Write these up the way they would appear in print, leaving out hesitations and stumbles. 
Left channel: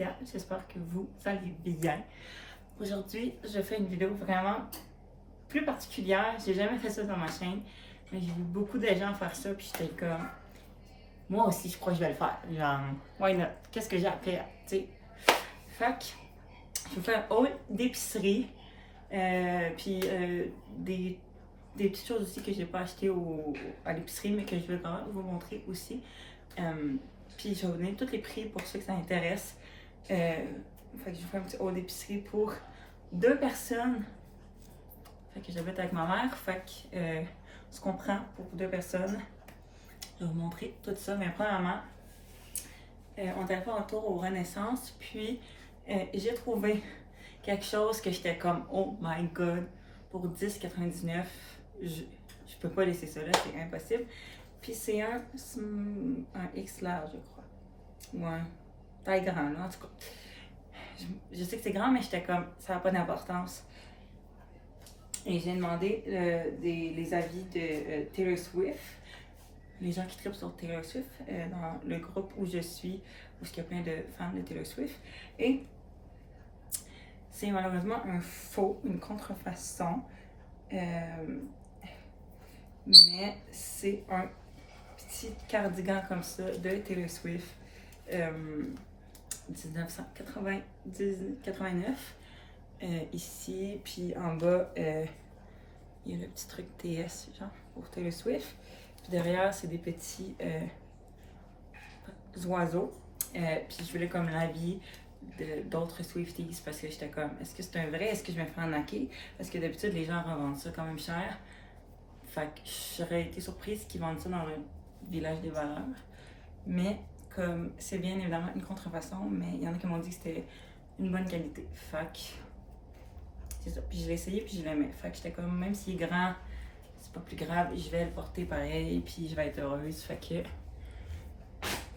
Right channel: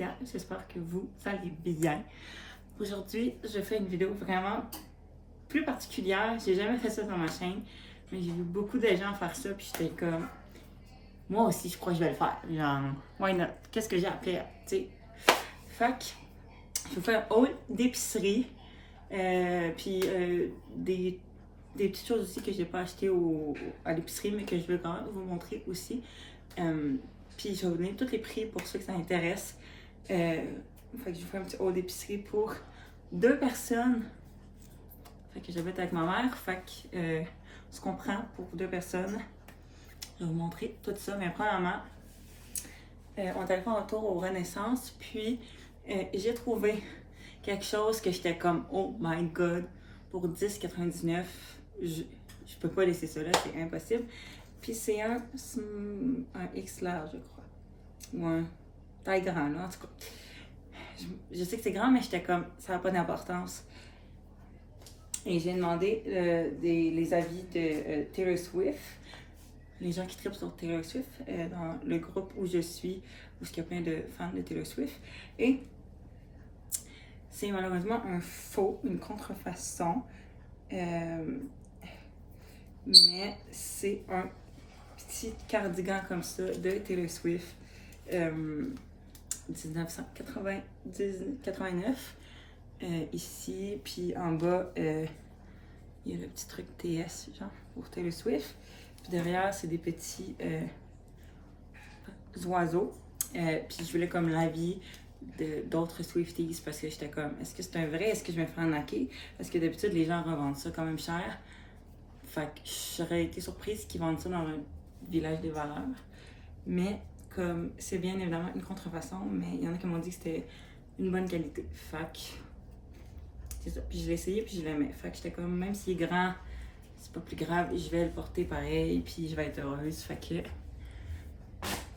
Laetitia, j'espère que vous allez bien. Aujourd'hui, je fais une vidéo vraiment plus particulière. J'ai jamais fait ça sur ma chaîne, mais j'ai vu beaucoup de gens faire ça, puis j'étais comme, moi aussi, je crois que je vais le faire. Genre, why not? Qu'est-ce que j'ai appris à, tu sais? Fait que, je vais faire un haul d'épicerie, puis des petites choses aussi que j'ai pas achetées à l'épicerie, mais que je vais quand même vous montrer aussi. Puis je vais vous donner tous les prix pour ceux que ça intéresse. Fait que je vais faire un petit haul d'épicerie pour 2 personnes. Fait que j'habite avec ma mère. Fait que ce qu'on prend pour 2 personnes. Je vais vous montrer tout ça. Mais premièrement, on est allé faire un tour au Renaissance. Puis j'ai trouvé quelque chose que j'étais comme oh my god, pour 10,99. Je peux pas laisser ça là, c'est impossible. Puis c'est un X large, je crois. Ou un taille grand, là, en tout cas. Je sais que c'est grand, mais j'étais comme, ça n'a pas d'importance. Et j'ai demandé les avis de Taylor Swift. Les gens qui trippent sur Taylor Swift, dans le groupe où je suis, où il y a plein de fans de Taylor Swift. Et c'est malheureusement une contrefaçon. Mais c'est un petit cardigan comme ça de Taylor Swift 1989 ici, puis en bas il y a le petit truc TS genre pour Taylor Swift, puis derrière c'est des petits oiseaux, puis je voulais comme l'avis d'autres Swifties parce que j'étais comme est-ce que c'est un vrai, est-ce que je me fais arnaquer, parce que d'habitude les gens revendent ça quand même cher. Fait que j'aurais été surprise qu'ils vendent ça dans un village des valeurs. Mais comme c'est bien évidemment une contrefaçon, mais il y en a qui m'ont dit que c'était une bonne qualité. Fait que c'est ça. Puis je l'ai essayé puis je l'aimais. Fait que j'étais comme même s'il est grand, c'est pas plus grave, je vais le porter pareil puis je vais être heureuse. Fait que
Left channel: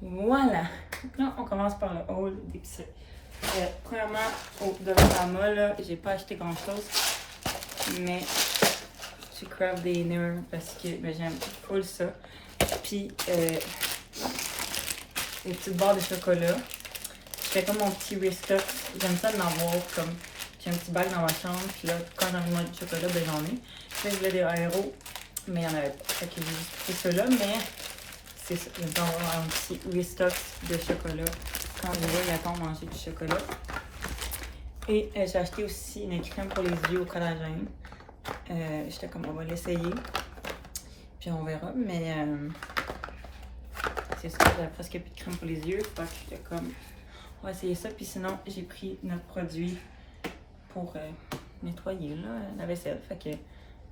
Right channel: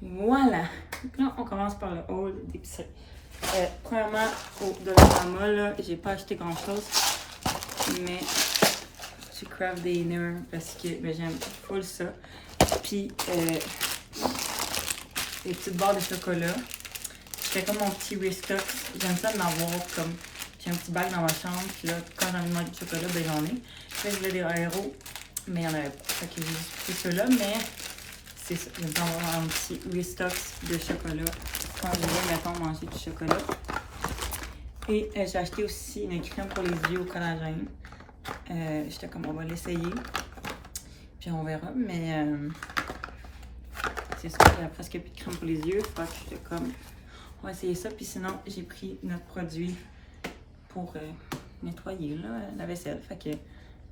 voilà. Donc là, on commence par le haul d'épicerie. Premièrement, au Dollarama, là, j'ai pas acheté grand chose, mais je craft des dinner parce que j'aime full ça. Puis les petites barres de chocolat. C'était comme mon petit restock. J'aime ça d'en avoir comme. J'ai un petit bac dans ma chambre. Puis là, quand j'ai envie de manger du chocolat, ben j'en ai. Puis là, je voulais des aéros, mais il n'y en avait pas. Fait que j'ai juste pris ceux-là, mais c'est ça. J'aime bien avoir un petit restock de chocolat quand je veux, mettons, manger du chocolat. Et j'ai acheté aussi une crème pour les yeux au collagène. J'étais comme on va l'essayer puis on verra, mais c'est ça, j'avais presque plus de crème pour les yeux, fait que j'étais comme on va essayer ça. Puis sinon j'ai pris notre produit pour nettoyer là, la vaisselle, fait que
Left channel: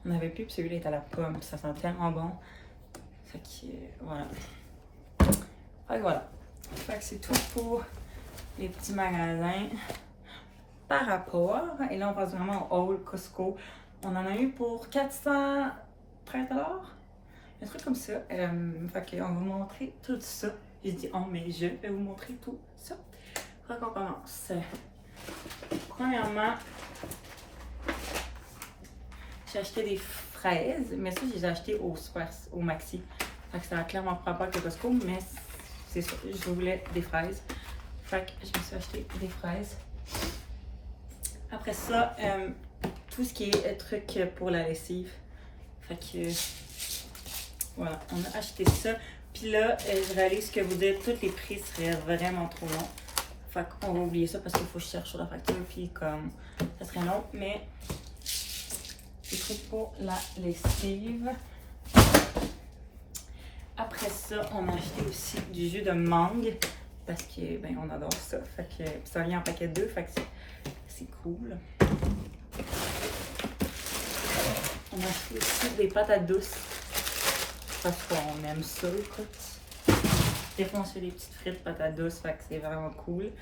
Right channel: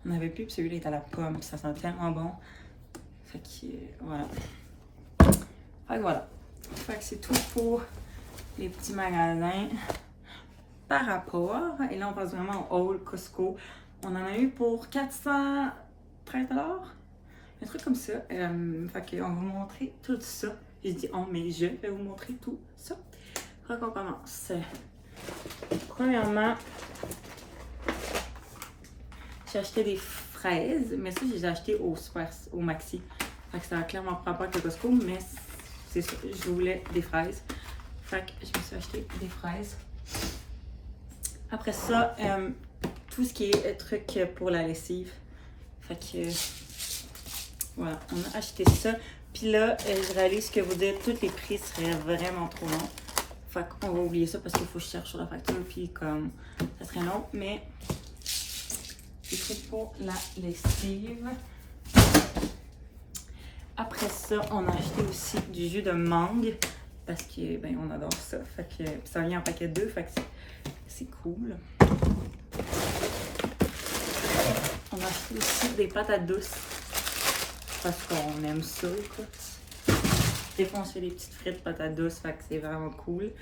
on avait plus, puis celui-là est à la pomme, puis ça sent tellement bon, fait que voilà, fait que c'est tout pour les petits magasins par rapport. Et là on passe vraiment au haul Costco. On en a eu pour 413$. Un truc comme ça. Fait qu'on va vous montrer tout ça. J'ai dit oh, mais je vais vous montrer tout ça. Fait qu'on commence. Premièrement, j'ai acheté des fraises, mais ça, je les ai achetées au Maxi. Fait que ça a clairement pas rapport avec le Costco, mais c'est ça. Je voulais des fraises. Fait que je me suis acheté des fraises. Après ça, tout ce qui est truc pour la lessive. Fait que voilà, on a acheté ça. Puis là, je réalise que vous dites tous les prix seraient vraiment trop longs. Fait qu'on va oublier ça parce qu'il faut que je cherche sur la facture. Puis comme ça serait long, mais c'est tout pour la lessive. Après ça, on a acheté aussi du jus de mangue parce que ben on adore ça. Fait que ça vient en paquet 2, fait que c'est cool. On a acheté aussi des patates douces parce qu'on aime ça, écoute. Des fois, on fait des petites frites patates douces, fait que c'est vraiment cool.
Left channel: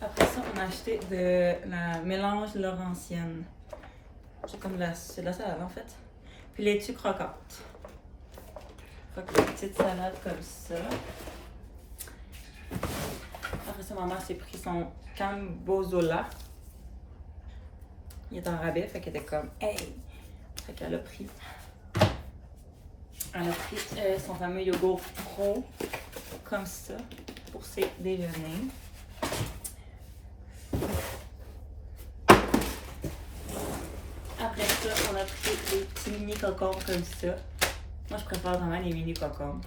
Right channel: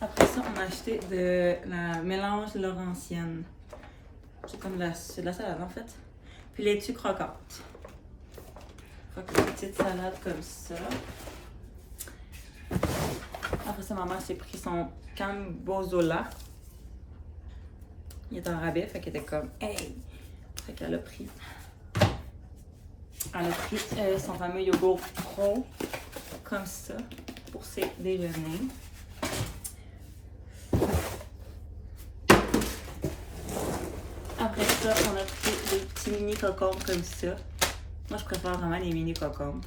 Après ça, on a acheté de la mélange laurentienne. C'est comme c'est de la salade en fait. Puis laitue croquante. Fait que une petite salade comme ça. Après ça, maman s'est pris son Cambozola. Il est en rabais, fait qu'elle était comme hey! Fait qu'elle a pris son fameux yogourt pro comme ça pour ses déjeuners. Après ça, on a pris des petits mini cocombes comme ça. Moi, je préfère vraiment les mini cocombes.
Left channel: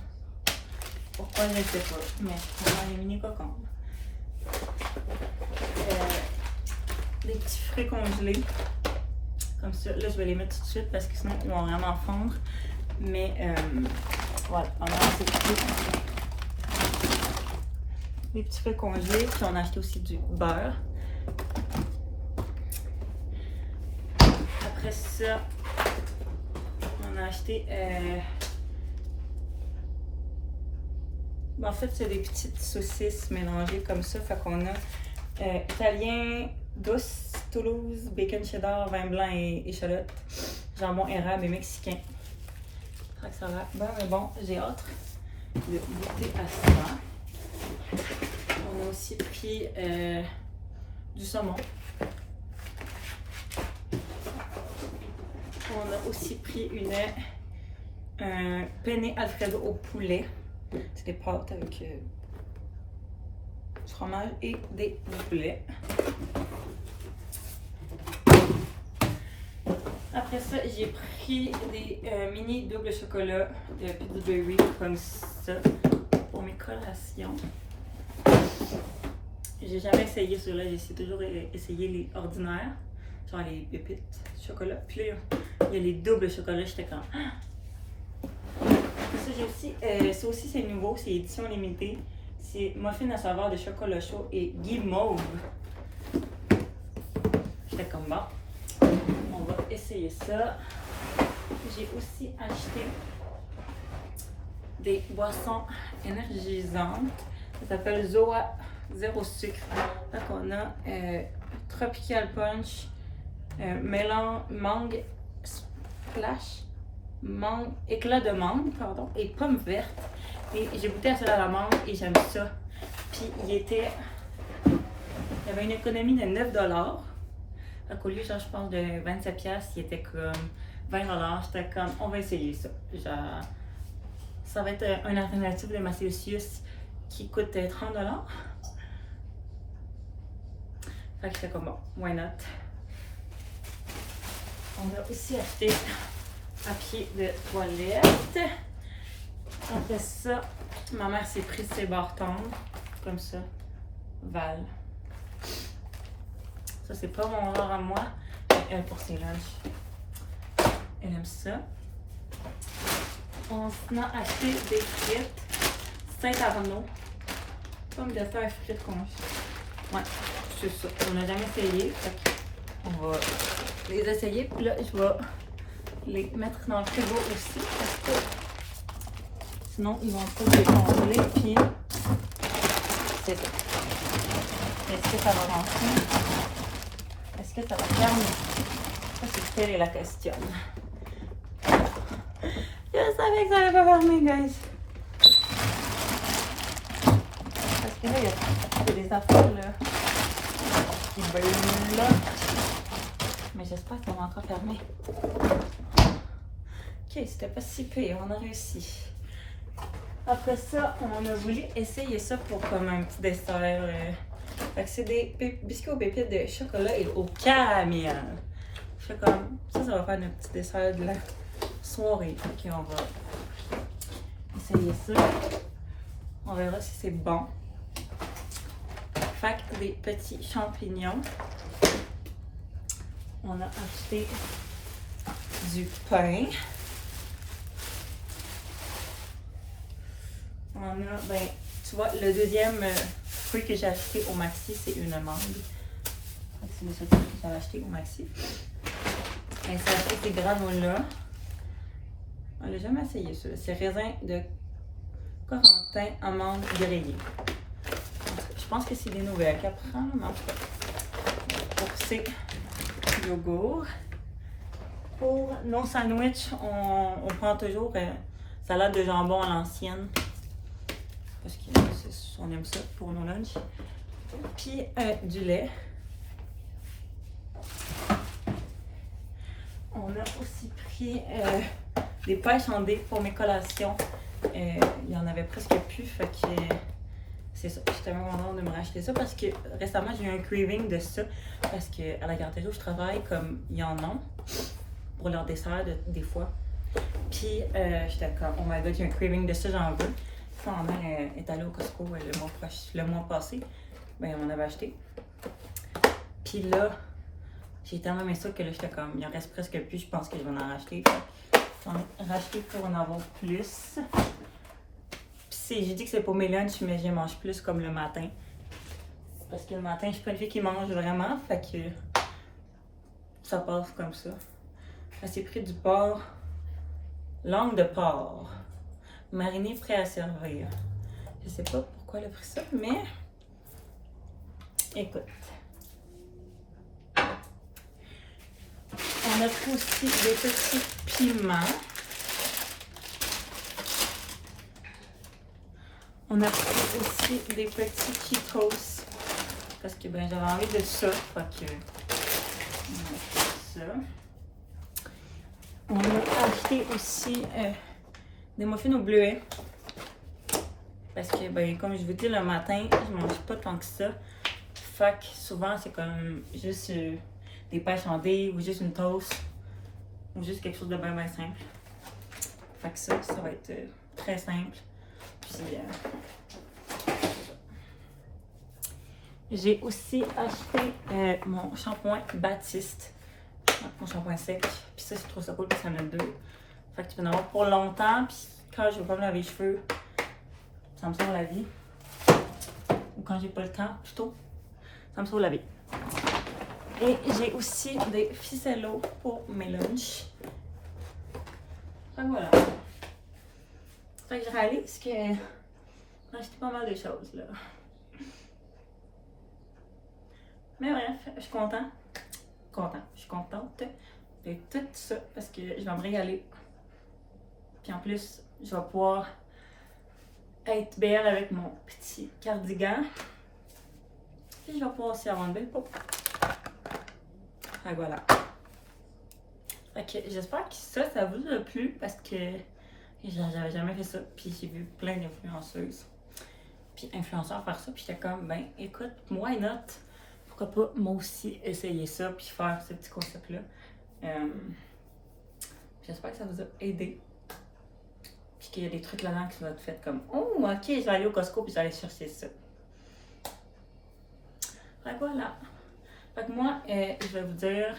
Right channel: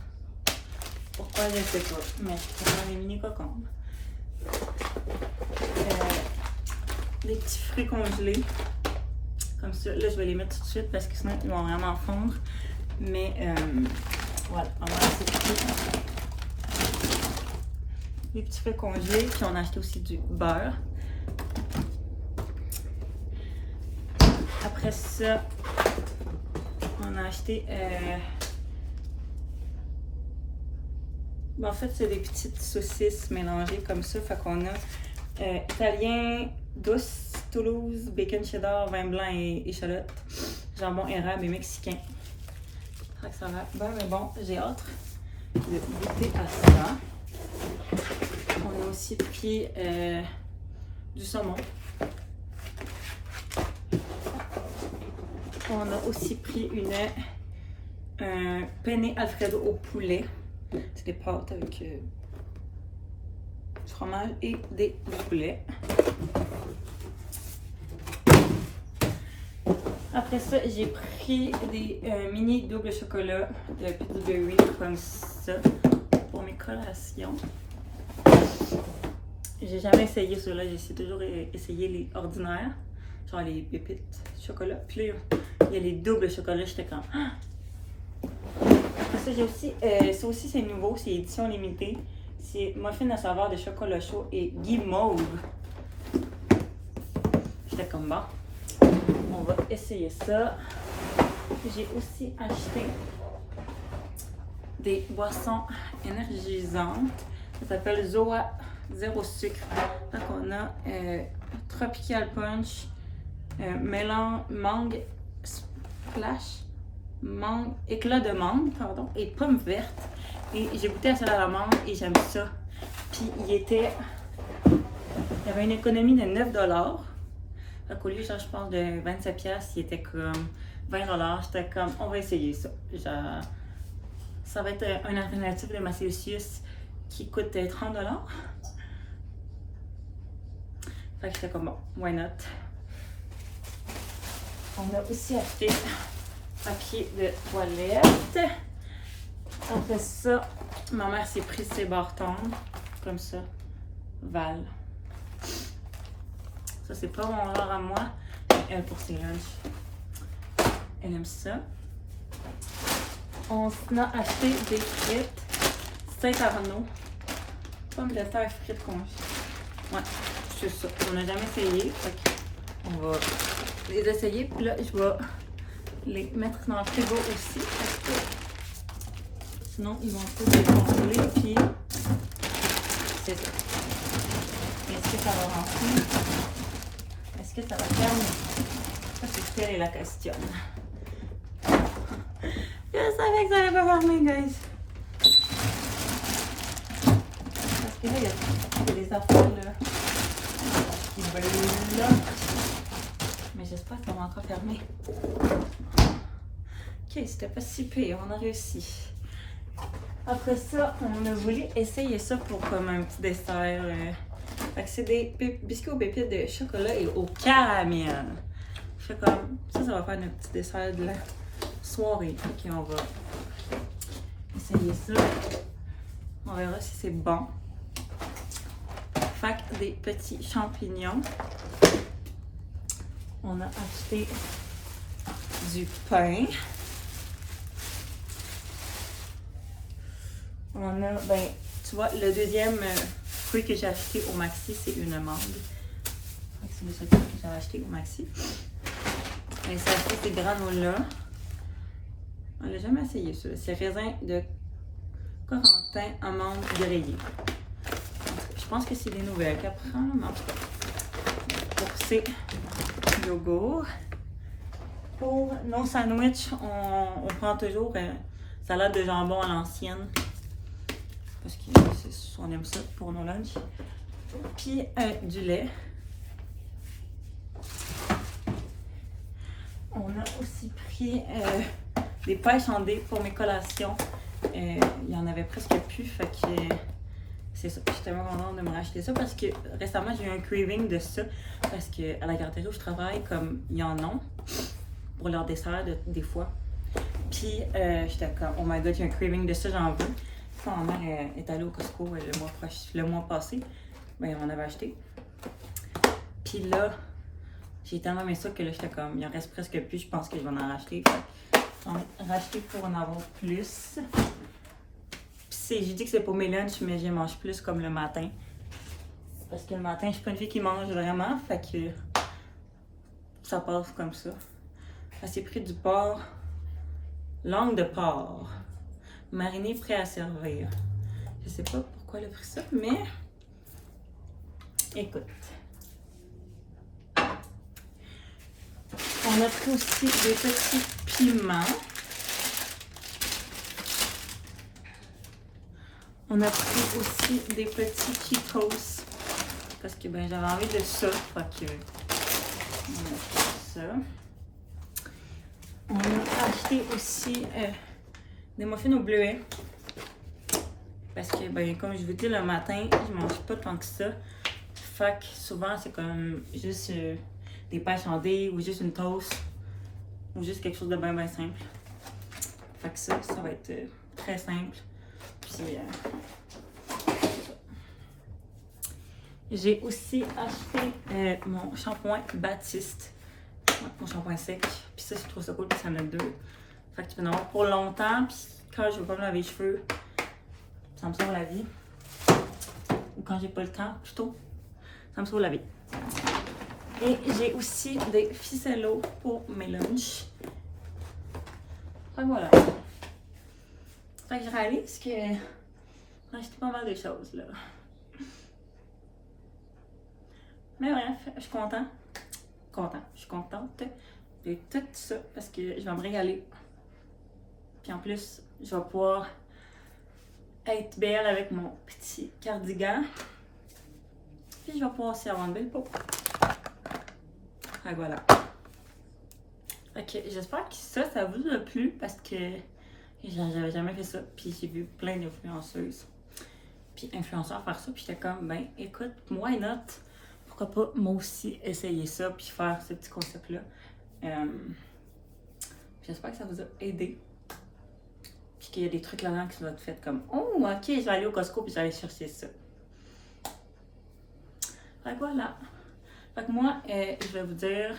Pourquoi, je ne sais pas, mais vraiment les mini cocombes. Des petits fruits congelés. Comme ça. Là, je vais les mettre tout de suite parce que sinon, ils vont vraiment fondre. Mais voilà, on a assez des petits fruits congelés. Puis on a acheté aussi du beurre. Après ça, on a acheté... en fait, c'est des petites saucisses mélangées comme ça. Fait qu'on a italien, douce, Toulouse, bacon cheddar, vin blanc et échalote, jambon érable et mexicain. Fait que ça va bien bon. J'ai hâte de goûter à ça. On a aussi pris du saumon. On a aussi pris un penne alfredo au poulet. C'est des pâtes avec du fromage et du poulet. Après ça, j'ai pris des mini double chocolat de Pillsbury comme ça pour mes collations. J'ai jamais essayé ceux-là, j'ai toujours essayé les ordinaires, genre les pépites chocolat. Puis là, il y a les doubles chocolats, j'étais comme... Ça, j'ai aussi, ça aussi c'est nouveau, c'est édition limitée. C'est muffin à saveur de chocolat chaud et guimauve. J'étais comme bon. On va essayer ça. J'ai aussi acheté des boissons énergisantes. Ça s'appelle Zoa Zéro Sucre. Donc on a Tropical Punch, mangue splash, éclat de mangue, pardon, et pomme verte. Et j'ai goûté à ça à la mangue et j'aime ça. Puis il y avait une économie de 9$. Donc au lieu, genre, je pense, de 27$, il était comme 20$. J'étais comme, on va essayer ça. Genre, ça va être une alternative de ma Celsius qui coûte 30$. Fait que j'étais comme, bon, why not? On a aussi acheté papier de toilette. Après ça, ma mère s'est pris ses barres tendres, comme ça, Val. Ça, c'est pas mon genre à moi, mais elle, pour ses lunchs, elle aime ça. On a acheté des frites Saint-Arnaud, pommes de terre frites congelées. Ouais, c'est ça. On n'a jamais essayé, on va les essayer, puis là, je vais les mettre dans le frigo aussi, parce que sinon, ils vont peut-être décongeler, puis c'est ça. Est-ce que ça va rentrer? Est-ce que ça va fermer? Ça, c'est telle est la question. Je savais que ça allait pas fermer, guys. Parce que là, il y a des affaires, là, qui brûlent, là. Mais j'espère que ça va encore fermer. Ok, c'était pas si pire, on a réussi. Après ça, on a voulu essayer ça pour comme un petit dessert. Fait que c'est des biscuits aux pépites de chocolat et au caramel. Je fais comme ça va faire notre petit dessert de la soirée. Ok, on va essayer ça. On verra si c'est bon. Fait que des petits champignons. On a acheté du pain. On a, ben, tu vois, le deuxième fruit que j'ai acheté au Maxi, c'est une mangue. C'est le seul fruit que j'ai acheté au Maxi. Mais ça fait ces granola. On l'a jamais essayé, ça. C'est raisin de Corentin, amande grillée. Je pense que c'est des nouvelles qu'elle prend, mais en tout cas, pour ces yogourts. Pour nos sandwichs, on prend toujours salade de jambon à l'ancienne. Parce qu'on aime ça pour nos lunchs. Puis du lait. On a aussi pris des pêches en dés pour mes collations. il y en avait presque plus, fait que c'est ça. J'étais tellement contente de me racheter ça parce que récemment, j'ai eu un craving de ça parce qu'à la garderie où je travaille, comme ils en ont pour leur dessert des fois. Puis j'étais comme, oh my god, j'ai un craving de ça, j'en veux. Puis ma mère est allée au Costco le mois passé, ben on en avait acheté. Puis là, j'ai tellement aimé ça que là, j'étais comme, il en reste presque plus, je pense que je vais en racheter. Fait j'en ai racheté pour en avoir plus. Puis j'ai dit que c'est pour mes lunchs, mais je mange plus comme le matin. Parce que le matin, je suis pas une fille qui mange vraiment, fait que ça passe comme ça. Elle s'est pris du porc, langue de porc, mariné prêt à servir. Je sais pas pourquoi elle a pris ça, mais écoute. On a pris aussi des petits piments. On a pris aussi des petits Cheetos. Parce que ben j'avais envie de ça. Fait que on a fait ça. On a acheté aussi des muffins au bleuet. Parce que ben comme je vous dis le matin, je mange pas tant que ça. Fait que souvent c'est comme juste des pêches en dés ou juste une toast. Ou juste quelque chose de bien simple. Fait que ça va être très simple. Puis j'ai aussi acheté mon shampoing Baptiste. Mon shampoing sec. Puis ça, je trouve ça cool parce qu'il y en a deux. Fait que tu peux en avoir pour longtemps. Puis quand je veux pas me laver les cheveux, ça me sauve la vie. Ou quand j'ai pas le temps, plutôt, ça me sauve la vie. Et j'ai aussi des ficellos pour mes lunchs. Fait que voilà. Fait que je réalise que j'ai acheté pas mal de choses là. Mais bref, je suis contente. Je suis contente de tout ça parce que je vais me régaler. Puis en plus, je vais pouvoir être belle avec mon petit cardigan. Puis je vais pouvoir aussi avoir une belle peau. Fait que voilà. Fait que j'espère que ça vous a plu parce que j'avais jamais fait ça. Puis j'ai vu plein d'influenceuses. Puis influenceurs faire ça. Puis j'étais comme, ben écoute, why not? Pourquoi pas moi aussi essayer ça puis faire ce petit concept-là. J'espère que ça vous a aidé. Puis qu'il y a des trucs là-dedans qui vont être faits comme, oh ok, je vais aller au Costco puis je vais aller chercher ça. Fait que voilà. Fait que moi, je vais vous dire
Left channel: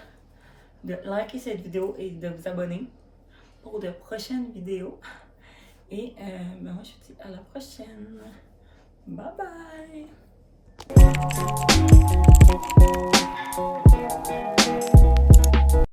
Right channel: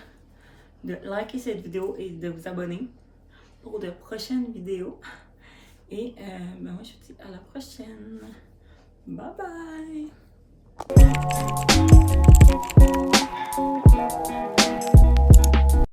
de liker cette vidéo et de vous abonner pour de prochaines vidéos. Et ben moi, je vous dis à la prochaine. Bye bye!